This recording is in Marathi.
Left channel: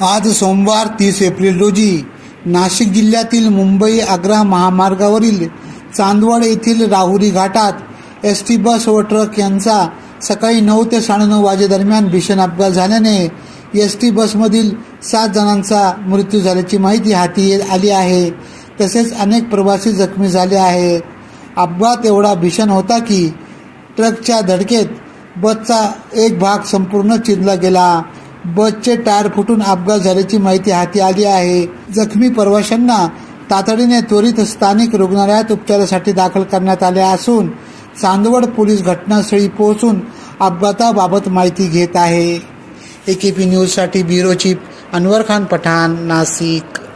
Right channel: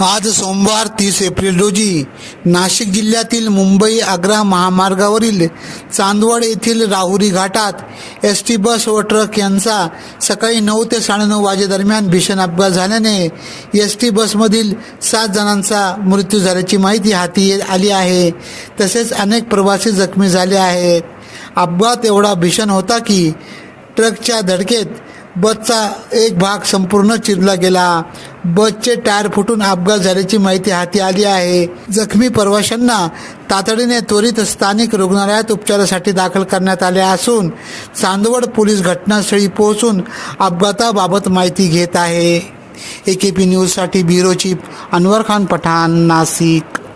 आज सोमवार तीस एप्रिल रोजी नाशिक जिल्ह्यातील मुंबई आग्रा महामार्गावरील चांदवड येथील राहुरी घाटात एस टी बस व ट्रक यांचा सकाळी नऊ ते साडेनऊ वाजेदरम्यान भीषण अपघात झाल्याने एस टी बसमधील सात जणांचा मृत्यू झाल्याची माहिती हाती ये- आली आहे. तसेच अनेक प्रवासी जखमी झाले आहेत. अपघात एवढा भीषण होता की ट्रकच्या धडकेत बसचा एक भाग संपूर्ण चिरला गेला. बसचे टायर फुटून अपघात झाल्याची माहिती हाती आली आहे. जखमी प्रवाशांना तातडीने त्वरित स्थानिक रुग्णालयात उपचारासाठी दाखल करण्यात आले असून चांदवड पोलीस घटनास्थळी पोहोचून अपघाताबाबत माहिती घेत आहे. ए के पी न्यूजसाठी ब्युरो चीफ अनवर खान पठाण नाशिक.